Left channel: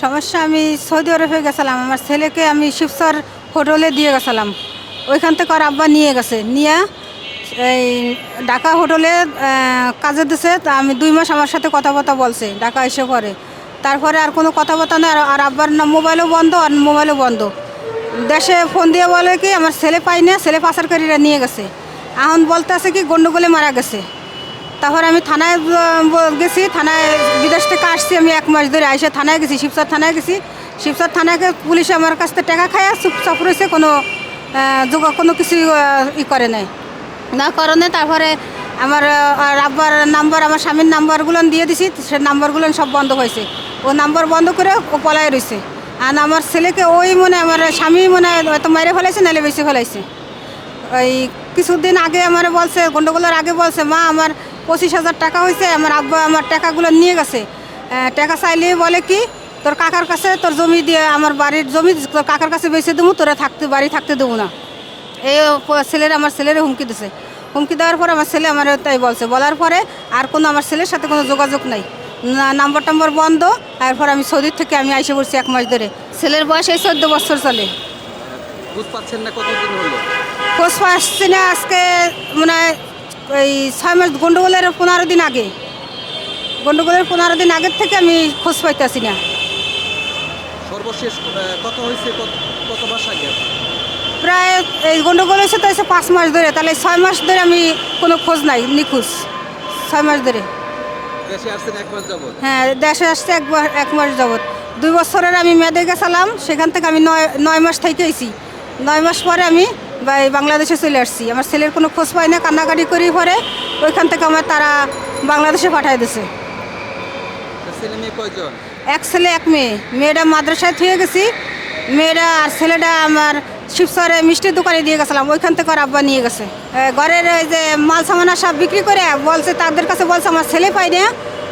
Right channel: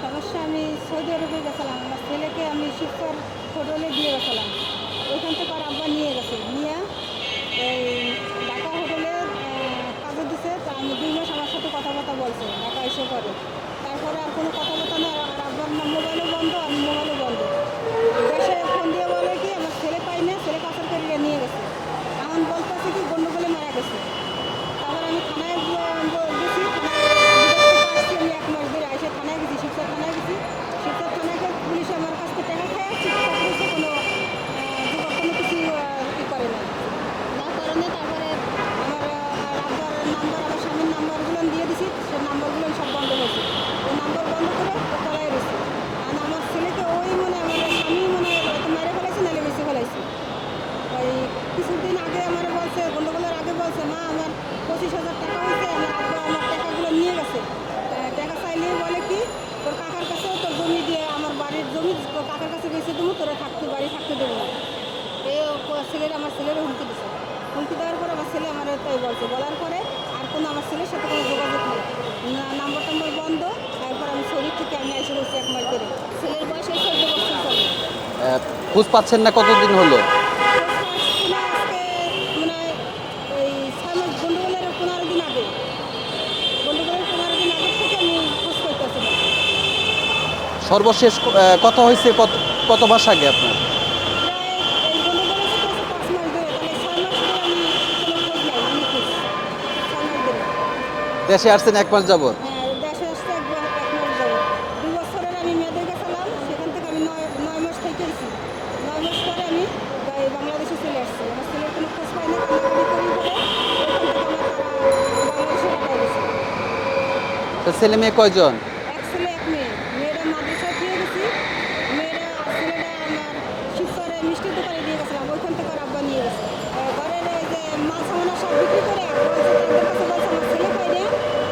সমস্যা আমি সৌদি আরবে গেছিলাম, আমার ছেলেকে আমি শিবসর হোটেলে দিয়ে গেছিলাম। ওইখান থেকে আর আব্বা নিয়ে গেছে, নিয়ে এই ঢাকা হোটেলে কাজে দিছে। তা আমি 2 মাস আমার সাথে কথাবার্তা বলছে, ঢাকা এসে পরে। তারপরে আর কোনো কথাবার্তা নেই, আর আব্বার না মোবাইলও বন্ধ, আর মোবাইলও বন্ধ। দেশে ফোন দিয়ে বলে কি আমার ছেলে পাই না, ছেলে পাচারকারীরা নিয়ে গেছে। এখন বলতে আছে কি গন্ডগোলে মারা গেছে। তারপর আমি থানায় গেছি, থানায় বিদেশ থেকে আসছি আমি 1 মাস ধরে আইসে থানায় গেছি, শিবচর থানায় গেছি। শিবচর থানায় পুলিশে আমার কাছ থেকে টাকা খায় চুপচাপ রয়েছে, কোনো কিছু ই করে নাই না কারণে। তারপরে আমার আব্বার নাম্বার, আমার স্বামীর নাম্বারগুলো দিয়ে দিছি, সে নাম্বারগুলো সব বন্ধ হয়েছে। ও নাম্বার বন্ধ করে ও পলায় রয়েছে। আর আমার ছেলেকে ওই আমার স্বামী হয়তো মেরে ফেলাইছে, নাহলে বেশি ফেলাইছে। ওই কিছুদিন আগে আমার বলছে, গন্ডগোলের আগে বলছে, মা আমার 25,000 টাকা হয়েছে, আমার আব্বা আমার টাকাগুলো নিয়ে গেছে। টাকা চাইলে বলে কি তোর কাকার কাছে তোর জমি দিয়ে, আমার বাড়ির জমি তোর কাকার কাছে বেঁচে দেবো, তোরা বাড়ি থাকতে দেবো না। এই আমার ছেলের হুমকি দিছে। হুমকি দেওয়ার পরে আমার ছেলে আমার তাই বলছে, বলার পরে আর আমার ছেলের সাথে কোনো যোগাযোগ নাই, নাম্বার টাম্বার বন্ধ। তারপর আমি সৌদির থেকে আমি এসে পড়ছি 1 মাস ধরে। ছেলের বয়স এই 14 বছর চলে। খোঁজ পাচ্ছেন না কতদিন হলো? খোঁজ পাচ্ছি না, আজকে মানে ওই 6 মাস, গন্ডগোলের 15 দিন আগে, গন্ডগোলের 15 দিন আগের থেকে আমি খোঁজ পাইতেছি না। সর্বশেষ কথা হয়েছে কত মাস আগে আপনার? প্রায় এই গন্ডগোল হয়েছে তো 5 মাস ধরে, তাহলে 6 মাস ধরে আমি কোনো খোঁজ নাই, নিখোঁজ 6 মাস ধরে। দেশে আসছেন 1 মাস যাবত? হ্যাঁ, দেশে আসছে 1 মাস যাবত। 2 বছরের আমি মেয়াদে গেছিলাম, সেখান থেকে আমি 9 মাস থেকেছি। 9 মাস পরে আমি বাংলাদেশে চলে আসছি। আমার ছেলের কোনো খোঁজ পাই না, কান্নাকাটি করি পরে ওইখান থেকে তারা বাংলাদেশে পাঠিয়ে দিছে। ছেলে মেয়ে কয়জন? 1 ছেলে 1 মেয়ে। মেয়েটা মাদ্রাসায় থুয়ে গেছি, মেয়েরা আর ছেলেটা আমার শিবচরে মিষ্টির দোকানে দিয়ে গেছিলাম, ওইখান থেকে আর আব্বা নিয়ে গেছে। ঘরের ওই যে মাল সামানা সব বিক্রি করে বলছে, তাদের কাছে বলছে আমার ছেলে পাই না,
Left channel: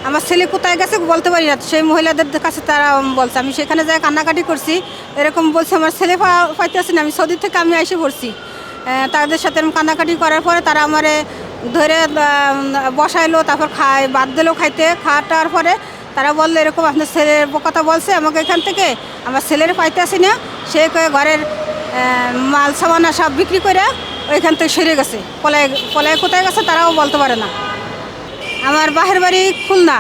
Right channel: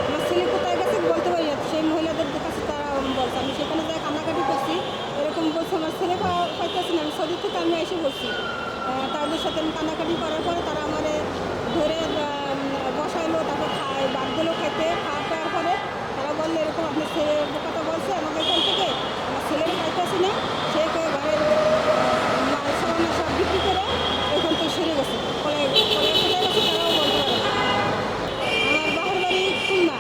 আমার ছেলে কোথায় গেছে বলতে পারি না। সেই মহিলাদের কাছে তারা বলছে, আমি সেখানে যাই কান্নাকাটি করছি, এরকম বলছে আমার ছেলে পাইতেছি না। আমি সৌদি থেকে আমি এসে পড়ছি, তাদের সাথে কান্নাকাটি করার পরে তারা আমারে ধরে বসাইলো, তারপর বাদ দিলো খাইতে। খাওয়াটার পরে তারা বললো এরকম আপনার ছেলের কথা বলছে আমাকে এখান থেকে, আমার ছেলের পাইতেছি না। সে ঘরের মাল সামানা সব বিক্রি করে ওইখান থেকে সরে গেছে, পলায় কোথায় গেছে তারাও বলতে পারে না। আমার বাহের বাড়ি খুলনা,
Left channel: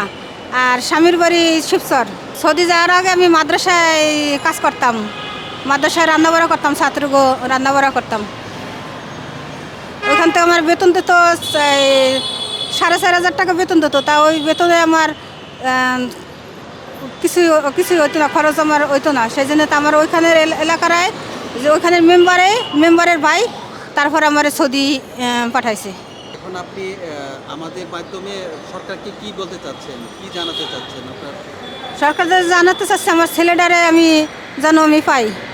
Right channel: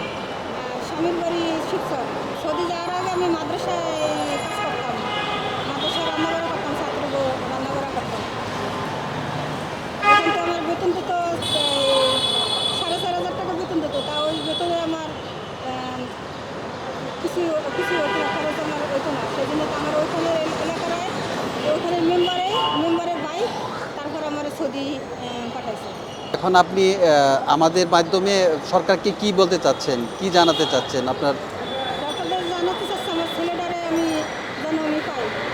আর স্বামীর বাড়ি শিবচর। সৌদি যাওয়ার আগে আমি মাদ্রাসায় কাজ করতাম, মাদ্রাসায় রান্নাবাড়া করতাম, ছাত্রগো রান্নাবাড়া করতাম। ওইখান থেকে আমার বেতন দিত 4,500 টাকা বেতন দিত। তা ওই বেতনে আমার কিছু হইতো না, খরচ আমার হইতো না। সেই জন্য তো আমার ওইখানের এলাকার যে ওইখানের মেম্বারের ভাই তারপর আমার সৌদি পাঠাইছে। এখন আপনি আমাদের মাধ্যমে সরকারকে কি বলতে চাচ্ছেন, কি জানাতে চাচ্ছেন আপনার? সরকার জানাতে চাচ্ছে আমার ছেলেটারে আমি যেন আমি পাই।